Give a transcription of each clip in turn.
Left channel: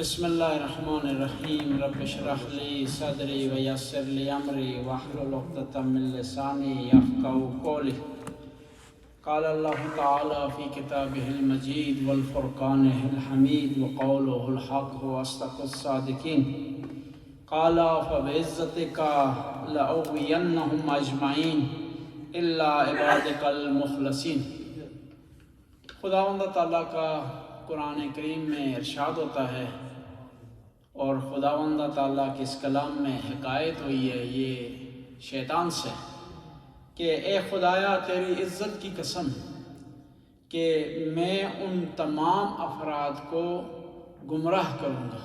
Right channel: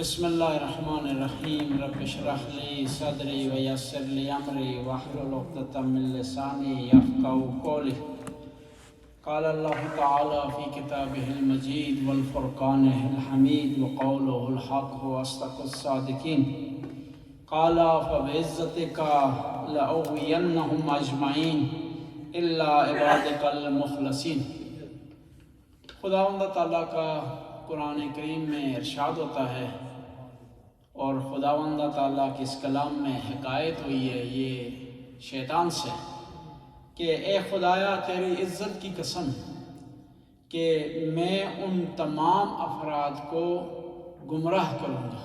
بسم اللہ الرحمن الرحیم رب اشرح لی صدری ویسر لی امری واحلل عقدۃ من لسانی یفقهوا قولی قال اللہ تعالی فی کتابہ المجید والفرقانہ الحمید وقولہ الحق واصدق الصادقین قال فبعزتک لأغوینہم اجمعین الا عبادک المخلصین۔ خداوند تعالیٰ کا قرآن کریم میں ارشاد ہوتا ہے اور خداوند تعالیٰ کے اس کلام میں حکایت ہوئی ہے یہ شیطان سے کہ اے خدایا تیری عزت کی قسم کہ میں ان تمام افراد کو گمراہ کروں گا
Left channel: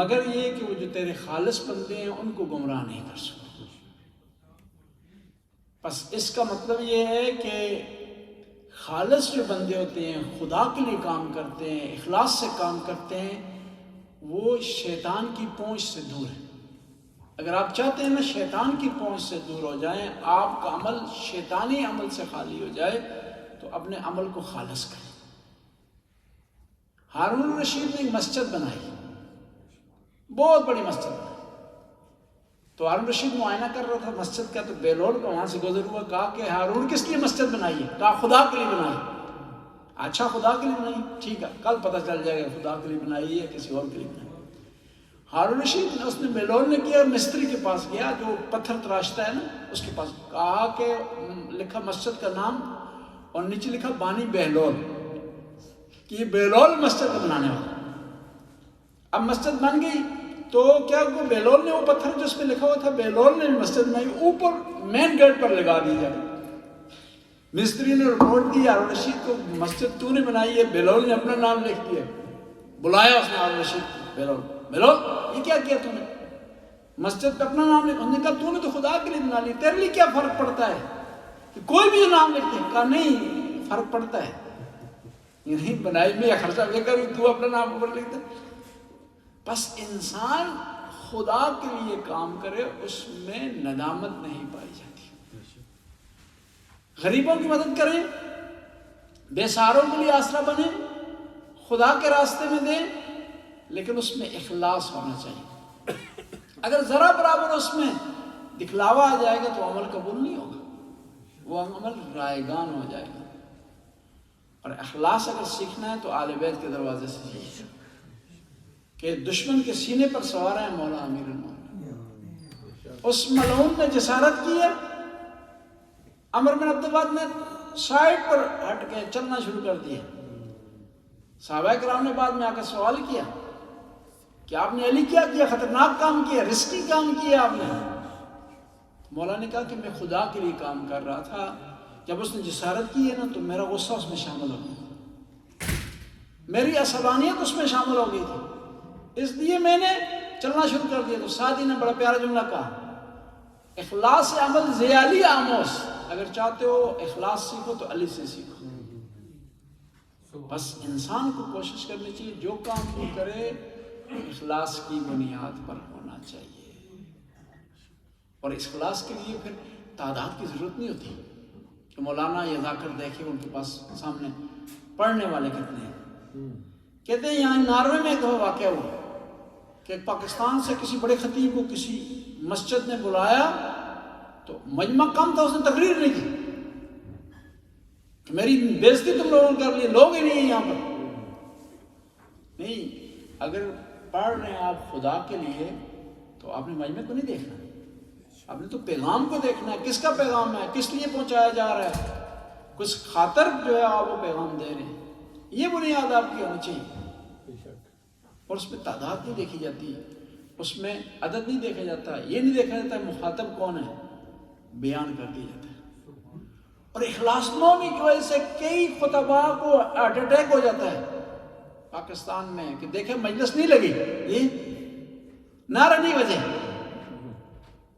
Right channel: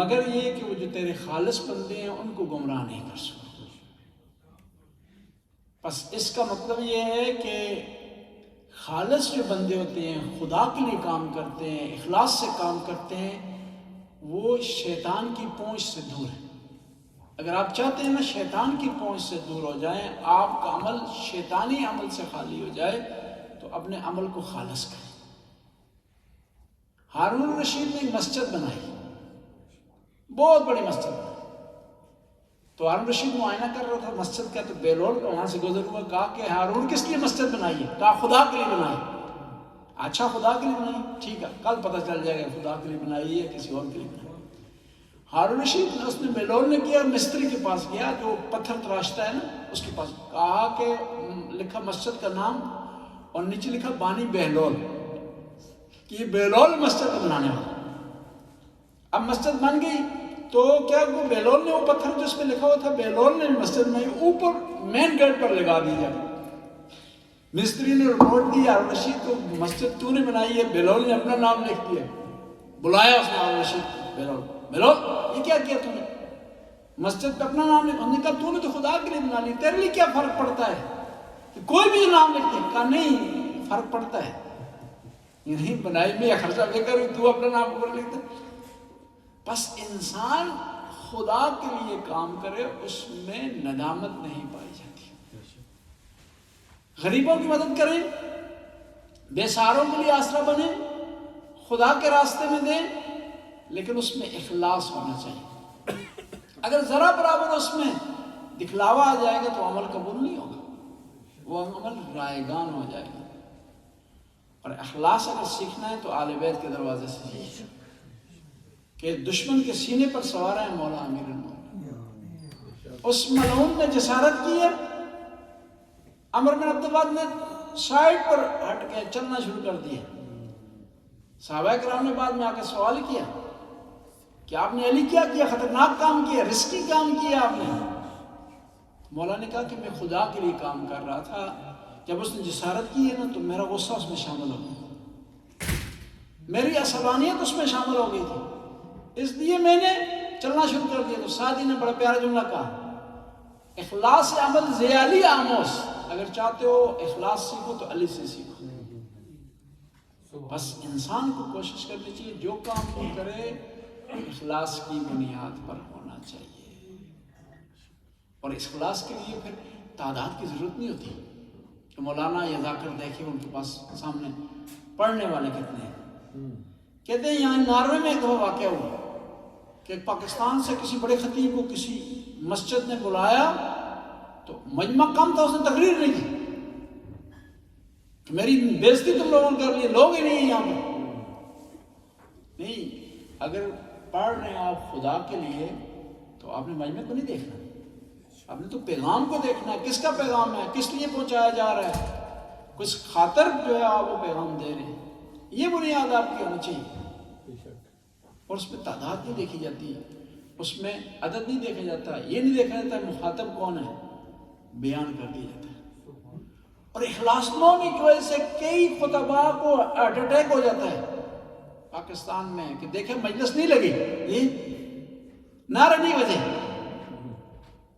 مگر یہ کہ وہ جو تیرے خالص بندے ہیں ان کو گمراہ نہیں کر سکوں۔ بس اس کا مطلب یہ ہے کہ خالص جو بندے ہوتے ہیں، خدا کے لیے کام کرتے ہیں، اخلاص سے کام کرتے ہیں، وہ شیطان کی پہنچ سے دور ہے۔ اگر آپ چاہتے ہیں نا شیطان کی پہنچ سے دور ہو جائیں، آپ کا عمل شیطانی عمل سے خالی ہو جائے، تو اپنے عمل کو خالص کریں۔ ہارون الرشید نے ایک مسجد بنائی، بہت بڑی مسجد بنائی، تو ہارون الرشید معائنہ کر رہا تھا مسجد کا، تو بیلول کا وہاں سے گزر ہوا، کہا کہ ہارون کس لیے مسجد بنائی ہے؟ کہا خدا کے لیے بنائی۔ اچھا خدا کے لیے بنائی، ٹھیک ہے، کل پتہ چل جائے گا خدا کے لیے بنائی ہے کسی اور کے لیے بنائی۔ ہارون الرشید نے اس نے بیلول نے کیا، مستری کے پاس گیا جو پتھر تراشتا ہے نا، اس کے پاس کہا کہ لکھا مسجد کا نام اور نیچے لکھا بانی بیلول، کہ یہ بیلول مسجد بنانے والا۔ اب مسجد بن گئی تو کیا وہ بیلول نے وہ پتھر جس پہ لکھا ہوا تھا بیلول نے مسجد بنائی، اوپر مین گیٹ پر لگا دی جائے۔ مستری نے رپورٹ دی ہارون رشید کو، مسجد تو نے بنائی ہے، بیلول نے اپنا نام لکھ دیا۔ بلایا اس نے ہارون رشید کو، بیلول یہ کیا کیا تو نے؟ مسجد پہ اپنا نام لکھا۔ انہوں نے کہا تو نے تو خدا کے لیے بنا لی، تیرے لیے کیا فرق پڑتا ہے کہ کوئی بھی نام لکھتے؟ کہا نہیں فرق پڑتا ہے، یہ نہیں بنائی میں یہ خرچہ لے کر تو اپنا نام اوپر لکھتا۔ بس انسان خدا کے لیے کام کرے اس میں ندامت نہیں پائی جاتی۔ غریبوں کی مدد کریں، بے سہاروں کے لیے آسرا بنیں، خدا کے راستے میں دیں، لیکن اس میں اخلاص ہونا چاہیے۔ اگر ذرا برابر اس میں دکھلاوا آ جائے گا تو عمل قبول نہیں ہوگا، وہ عمل رائگان ہو جائے گا۔ اور اخلاص اگر سیکھنا ہے تو آل بیت کے دروازے سے سیکھیں، کہ دشمن کے سینے پر سوار ہیں مولا امیر المومنین۔ اس ملعون نے جسارت کی ہے، عمر بن عبدالعزیز نے سائڈ پر ہٹ کے چلنا شروع کر دیا۔ صحابہ کرام نے بعد میں آ کر سوال کیا کہ آپ نے علی کیا کیا؟ خطرناک کام کیا، رسکی کام کیا آپ نے۔ مولا نے کہا کہ میں خدا کے لیے کام کر رہا تھا، جب اس نے جسارت کی ہے نا تو میرا غصہ اس میں شامل ہو گیا، میری عصبانیت اس میں شامل ہو گئی تھی، اس لیے میں نے چلنا شروع کر دیا۔ تو سعدی نے بڑا پیارا جملہ کہا، اخلاص عمل زیالی آموز، اگر چاہتے ہو اخلاص سیکھو تو علی سے سیکھو۔ بس انسان کو کوشش کرنی چاہیے جو کام بھی کرے اخلاص کی بنیاد پر ہونا چاہیے، اور اس اخلاص کے لیے پھر تعداد کی ضرورت نہیں ہوتی کہ مولانا یہ جا کر دیکھے ان کے پاس سامنے پڑھنے والے کتنے ہیں۔ کہتے ہیں یہاں ناروے میں ایک دفعہ واقعہ ہوا کہ پاکستان سے کسی بڑے خطیب کو کسی مسجد نے بلایا تو مجمع کم تھا، اس نے تقریر نہیں کی کہ میری بےزتی تم لوگوں نے کر لی، لوگ ہی نہیں ہیں یہاں پر۔ نہیں، اگر پڑھ رہے ہیں آپ خدا کے لیے تو آپ نے مجمع کو نہیں دیکھنا، آپ نے تو پیغام کو دیکھنا ہے، کس کا پیغام ہے، کس لیے پہنچایا جا رہا ہے، کچھ خاطر جو ہے آپ وہ پیغام دے رہے ہیں۔ یہ بنیاد آپ کی ہونی چاہیے، اور اس میں تعداد نہیں دیکھی جاتی، اس میں عدد نہیں دیکھا جاتا، یہ نہیں دیکھا جاتا مخاطب کون ہے، بیان کر دیا جاتا ہے۔ اور اخلاص نومی کی وجہ سے کئی خطباء کو ہارٹ اٹیک ہو جاتا ہے پاکستان میں کہ دیکھیں مجلس نہیں لگی، یہ نعرہ نہیں بجے،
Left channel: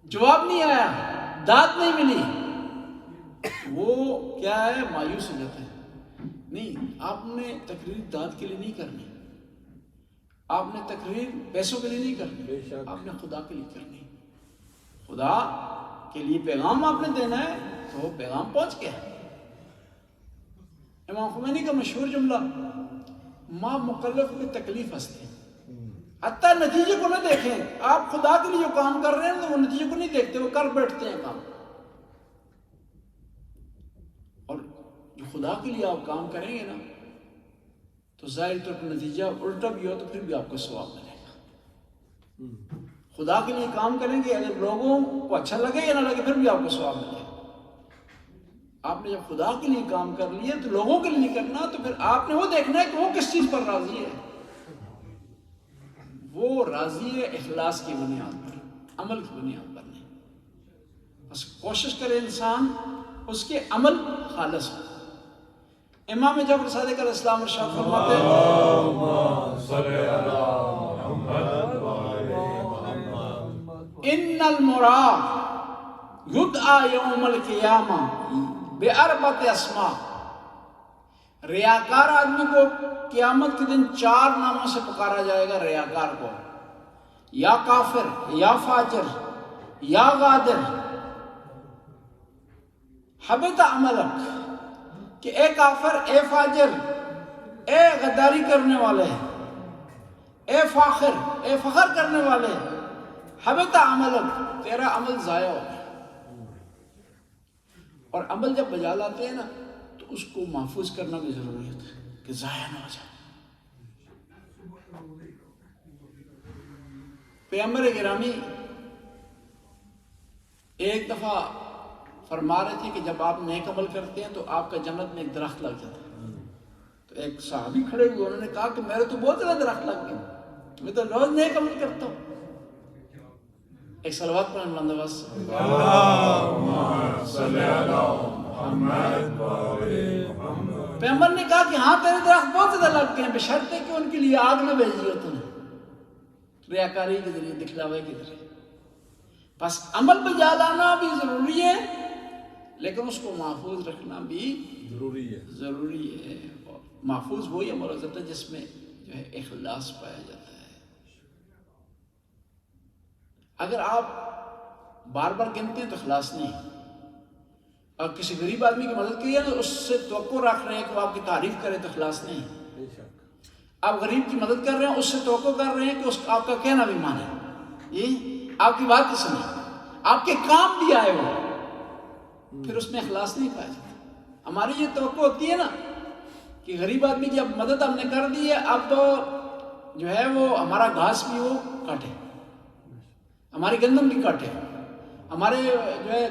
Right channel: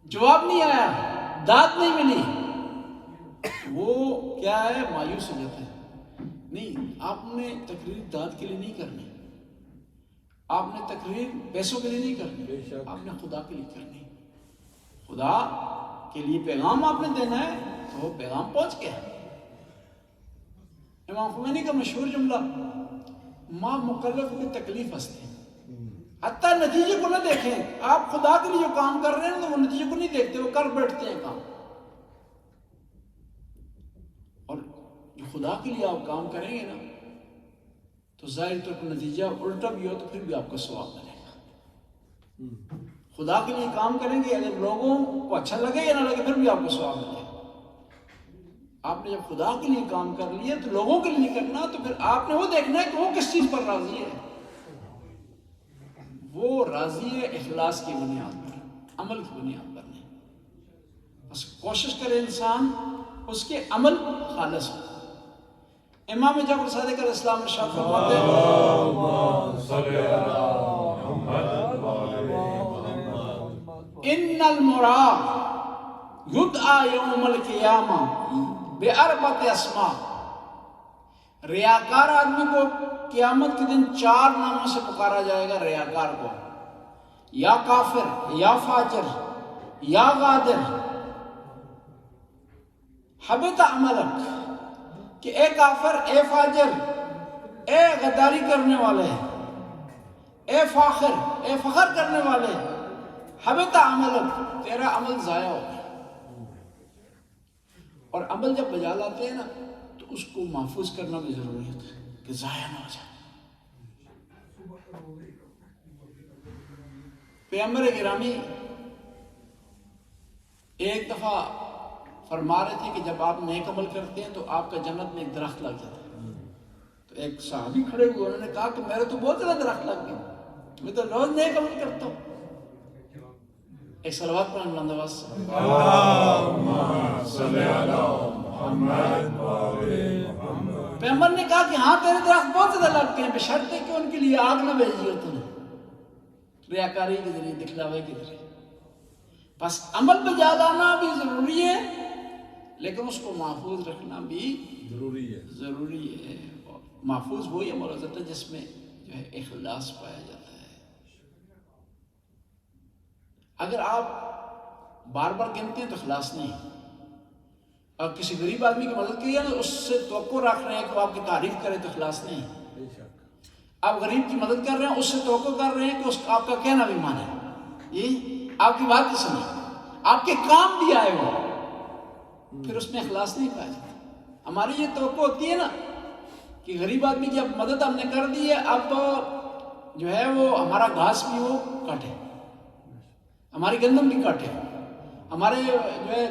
جواب نہیں آیا، داد نہیں ملی، وہ کیا ہے مایوس ہو جاتے ہیں۔ نہیں، آپ نے تقریر داد کے لیے نہیں کرنی، آپ نے تقریر پیسوں کے لیے نہیں کرنی، آپ نے خدا کے لیے کرنی۔ خدا کے لیے پیغام آپ نے دینا ہے تو وہ پیغام پہنچ گیا۔ امام خمینی کا مشہور جملہ ماں مکلف کی تکلیف ہستے حتیٰ نتیجے کو نہ دیکھیں. آپ خدا کے لیے جو کام کر رہے ہیں تو وہ نتیجے کو نہیں دیکھتے, وہ کر بیٹھتے ہیں کام. اور جو خدا کے لیے آپ کام کریں گے نا تو ظاہر طور پر نتیجہ الٹا بھی ہو تو پھر بھی آپ کو ثواب ملے گا. خدا کے لیے کام کریں گے, اگر لوگوں کو اچھا لگے یا نہ لگے پھر بھی آپ کو ثواب ملے گا. آپ نے جب خدا کے لیے کام کر لیا تو لوگوں کے لیے کرنا, تو پھر آپ نے وہ دیکھنا ہے کہ وہ کس چیز پر راضی ہے. وہ راضی ہے اخلاص کی بنیاد پر, عمل کی بنیاد پر نہیں. بس کوشش کرے انسان اس کے عمل خالص ہو. امام جعفر صادق علیہ السلام ارشاد فرماتے ہیں ان المراد یدعى یوم القیامہ باربعۃ اسماء. ریاکار آدمی کو قیامت کے دن 4 ناموں سے پکارا جائے گا. ریاکار کو یا کافر, یا فاجر, یا غادر. حبط عملک, کہ اے کافر, اے فاجر, اے غداری کرنے والے, اے فاخر, اے فخر کرنے والے, حبط عملک, تیرا عمل ضائع ہو گیا. اور عمل جب بجا لاتے ہیں نا تو اس کو محفوظ کرنا بھی ضروری ہوتا ہے کہ ضائع نہ ہو جائے. پیغمبر گرامی ایک دفعہ فرما رہے تھے کہ جب آپ نیک عمل کرتے ہیں تو آپ کا جنت میں ایک درخت لگ جاتا ہے. تو ایک صحابی کھڑے ہوئے, انہوں نے کہا کہ میرے تو بہت زیادہ درخت لگ گئے, میں تو روز نیک عمل کرتا ہوں. ایک صلوات پڑھیں بلند آواز سے. اللہم صلی علی محمد و آل محمد. پیغمبر نے کہا کہ ہاں تیرے درخت بہت زیادہ لگ گئے ہیں, بشرطے کہ ان کے لیے آگ نہ بھیجی ہو تو نے, ریاکاری کے ذریعے, دکھلاوے کے ذریعے. بس عمل بجا لانا بھی ضروری ہے, لیکن اس کو محفوظ رکھنا بھی ضروری ہے. محفوظ وہی عمل ہو جاتا ہے جس میں جو ہے اخلاص پایا جاتا ہے. اگر آپ بار بار گنتے ہیں تو اخلاص نہیں. اور کسی غریب آدمی کی مدد کی ہے تو اس سے توقع رکھ رہے ہیں کہ وہ آپ کی تعریف کرے تو اخلاص نہیں. آپ غریب کی مدد کر رہے ہیں, اس سے توقع کر رہے ہیں کہ اس آپ کا کہنا بھی مانے, یہ آپ کی بات کی سنے, آپ کے کام بھی آئے ہو, پھر اس میں اخلاص نہیں پایا جاتا. ہماری یہ توقع ہوتی ہے نا کہ غریب آدمی کی اب مدد ہم نے کر دی ہے, اب جو ہے وہ ہمارا گھاس بھی وہ کاٹے, ہماری گندم بھی کاٹے, ہمارے جو ہے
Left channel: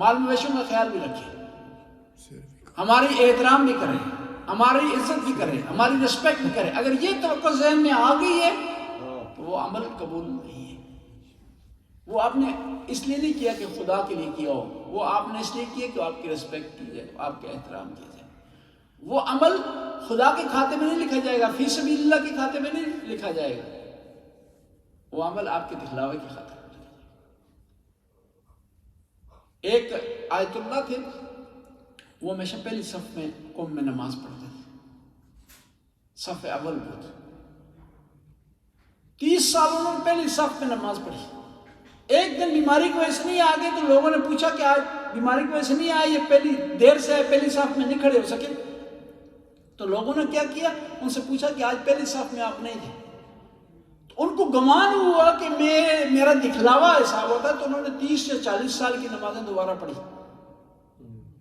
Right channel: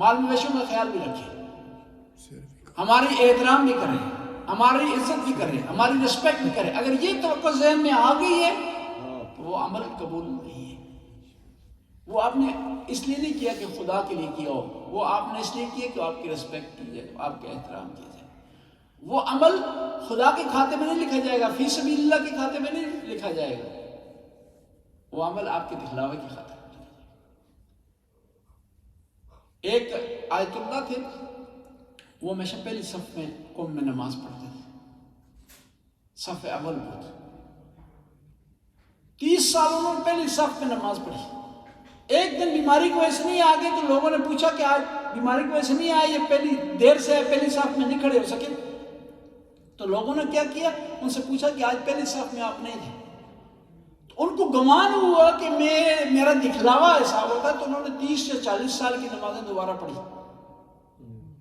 مال مویشیوں کا خیال بھی رکھے, ہماری احترام بھی کرے, ہماری عزت بھی کرے, ہماری رسپیکٹ بھی کرے. اگر یہ توقع ذہن میں آ گئی ہے تو وہ عمل قبول نہیں ہے. وہ آپ نے اس لیے نہیں کیا کہ خدا کے لیے کیا ہو, وہ آپ نے اس لیے کیا کہ آپ کی رسپیکٹ کی جائے, آپ کا احترام کیا جائے. وہ عمل خدا کے کھاتے میں نہیں لکھا جائے گا, فی سبیل اللہ کے کھاتے میں نہیں لکھا جائے گا. وہ عمل آپ کے دکھلاوے کی خاطر. ایک آیت اللہ تھے, وہ ہمیشہ پہلی صف میں قوم میں نماز پڑھتے تھے, صف اول پہ. 30 سال انہوں نے پہلی صف میں نماز پڑھی. ایک دن بیماری کی وجہ سے نہیں آ گئے تو لوگوں نے پوچھا کہ آج بیماری کی وجہ سے نہیں آئے, یہ پہلی دیر سے ہے, پہلی صف میں نہیں کھڑے ہو سکے. تو لوگوں نے کیا کیا, ان سے پوچھا کہ آج پہلی صف میں آپ نہیں تھے. ان کو گمان ہوا کہ میرا دکھلاوا حساب ہوتا ہے, تو انہوں نے 30 یا 40 سال کی نمازیں دوبارہ پڑھی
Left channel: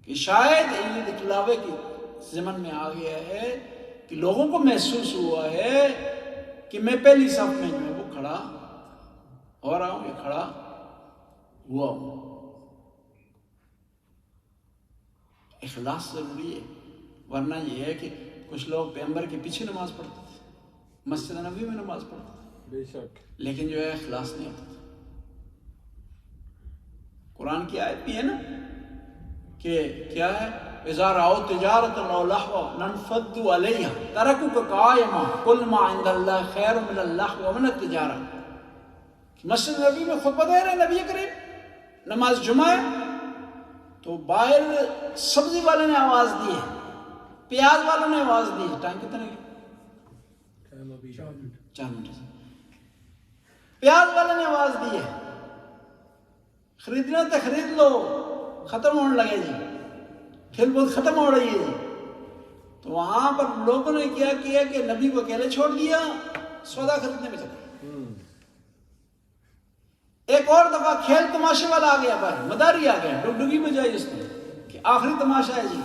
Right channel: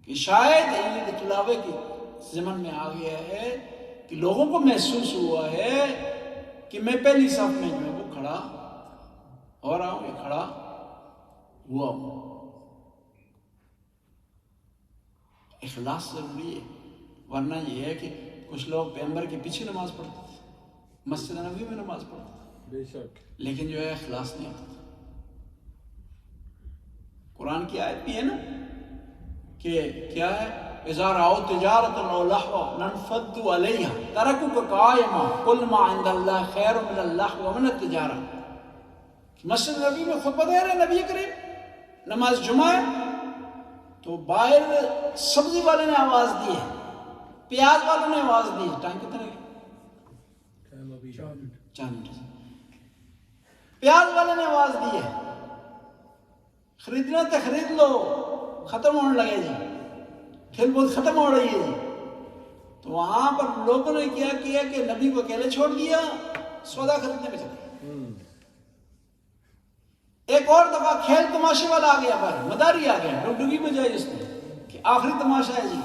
کہ شاید یہ دکھلاوے کے ضمن میں آ گیا ہے کہ لوگوں کو محسوس ہوا ہے کہ میں پہلی صف میں جو ہے وہ کھڑا ہو رہا ہوں, یہ کھڑا ہوا ہوں. اخلاص ضروری ہے, ورنہ یہ ہے کہ کچھ لوگ پیغمبر کے پیچھے نماز پڑھتے تھے, مسجد نبوی میں نماز پڑھتے تھے, بے شک, لیکن جو ہے اخلاص نہیں ہوتا. قرآن کی آیت بھی ہے نا کہ کیا ہے, اذا رأوا تجارة او لهوا انفضوا الیہا ترکوک قائما قل ما عند اللہ خیر من اللہو ومن التجارہ. مسجد نبی میں خطبہ دے رہے نبی کریم, نماز جمعہ ہے, تو باہر سبزی والے نے آواز دی ہے, پیاز والوں نے آواز دی ہے. ٹائم کتنے کی؟ 4 منٹ. پیاز والے نے آواز دی ہے, خریدنا تو خرید لو, ختم ہونے لگے جی, پھر بہت ختم ہو رہی ہے جی. تو وہاں پر لوگوں نے کیا کیا کہ نبی کو اکیلے چھوڑ دیا، سودا خریدنے میں چلے۔ ایک اور دفعہ کھیل تماشے والا آ گیا، پر مداری آ گیا، ڈگڈگی میں جائی اس نے کہ آخری تماشا ہے جی،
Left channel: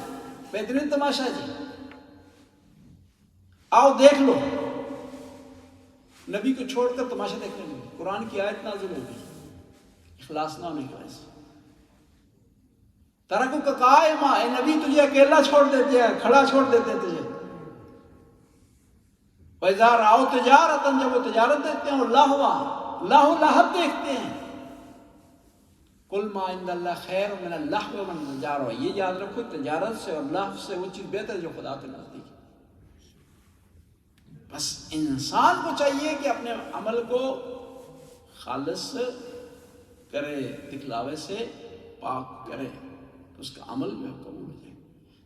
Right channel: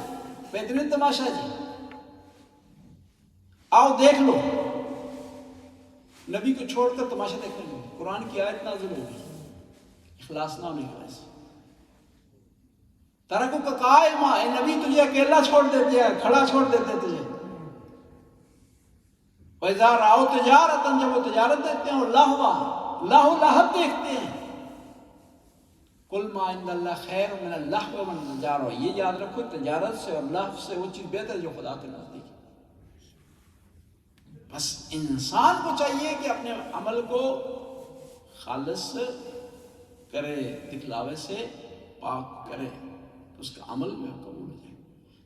بہترین تماشا ہے جی، آؤ دیکھ لو۔ نبی کو چھوڑ کر تماشا دیکھنے لگے۔ قرآن کی آیت نازل ہوگی اخلاص نہ ہونے کی وجہ سے۔ ترکو کا قائمہ، اے نبی تجھے اکیلا چھوڑ دیتے ہیں، کھڑا چھوڑ دیتے ہیں تجھے۔ وَإِذَا رَأَوْا تِجَارَةً، جب وہ تجارت دیکھتے ہیں، اور لَهْوًا، لاہو لاہب دیکھتے ہیں، قُلْ مَا عِنْدَ اللَّهِ خَيْرٌ مِنَ اللَّهْوِ وَالتِّجَارَةِ، یہ یاد رکھو تجارت سے اور لہو سے وہ چیز بہتر ہے جو خدا کے نزدیک ہے۔ بس انسان کو چاہیے کہ اپنے عمل کو خالص کرے، دکھلاوے سے پاک کرے، تو اس کا عمل جو ہے قبول ہو جائے۔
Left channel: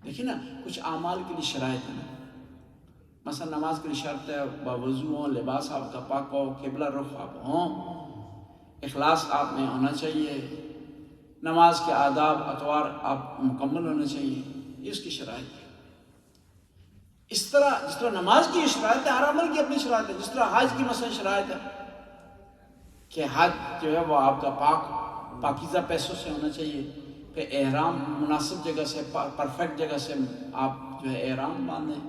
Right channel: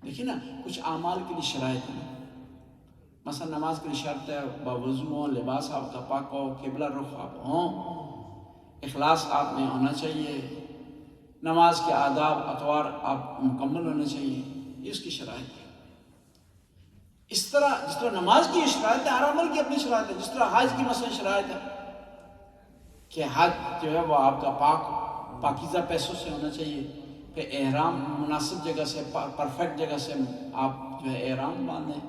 دیکھیں نا، کچھ اعمال کے لیے شرائط ہیں، مثلا نماز کے لیے شرط ہے باوضو ہوں، لباس آپ کا پاک ہو، قبلہ رخ آپ ہوں، اخلاص آپ میں ہونا چاہیے، نماز کے آداب اطوار آپ مکمل ہونے چاہیے، یہ اس کی شرائط ہے۔ اس طرح جس طرح نماز کی شرائط ہے، ہر عمل کی اپنی شرائط ہے۔ جس طرح حج کی مثلا شرائط ہے کہ حج جو ہے وہ آپ کا پاکیزہ پیسوں سے ہونا چاہیے، کہ احرام مناسب جگہ سے، پرفیکٹ جگہ سے آپ جو ہے احرام باندھیں،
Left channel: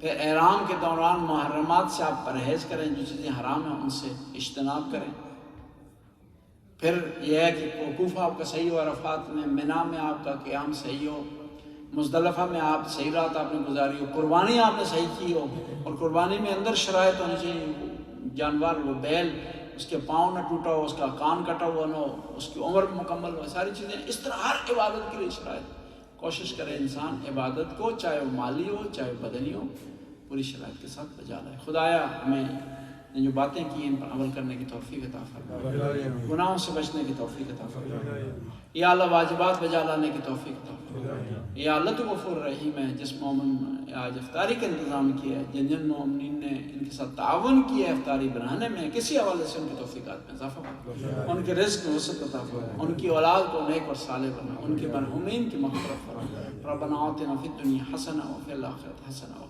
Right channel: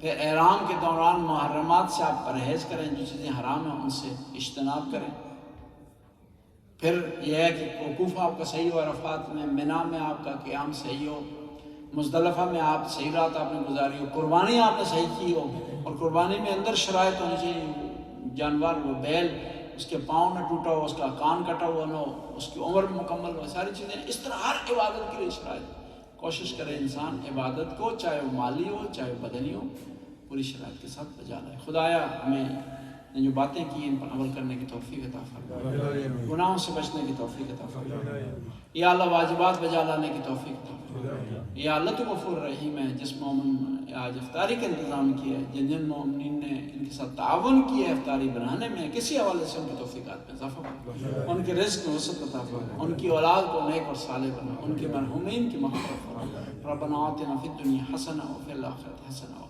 پھر احرام کے دوران محرمات سے آپ پرہیز کریں، جو چیزیں حرام ہیں ان سے اجتناب کریں، پھر یہ ہے کہ وقوف آپ کا صحیح ہو، عرفات میں، منی میں آپ کا قیام صحیح ہو، مزدلفہ میں آپ صحیح رات آپ نے گزاری ہو، قربانی آپ نے صحیح کی ہو، اور قربانی میں اندر شرائط ہونی چاہیے، جانور وہ بیل اس کے پاؤں نہ ٹوٹا ہو، اس کا کان کٹا ہوا نہ ہو، اس کی عمر مکمل ہو، ساری چیزیں۔ اس طرح ہر عبادت کے لیے شرائط، کوشش کرے انسان عبادت کو، چاہے وہ مالی ہو چاہے وہ بدنی ہو، پوری شرائط کے ساتھ بجا لائے۔ خدایا ہمیں نے جو باتیں کی ان پر عمل کرنے کی توفیق عطا فرما، گناہوں سے بچنے کی توفیق عطا فرما، یا اللہ واجبات بجا لانے کی توفیق عطا فرما۔ یا اللہ تو غفور رحیم ہے، جس مومن آج افطاری کا انتظام کیا ہے، جن مومنین نے ان کے ساتھ تعاون کیا ہے افطاری بنانے میں، کسی حوالے سے ان کی توفیقات میں اضافہ فرما، ان کے رزق میں وسعت عطا فرما، ان کی اولاد کو نیک اور صالح بنا، ان کے مرحومین کی مغفرت فرما۔ ربنا آتنا فی الدنیا حسنہ وفی الآخرۃ حسنہ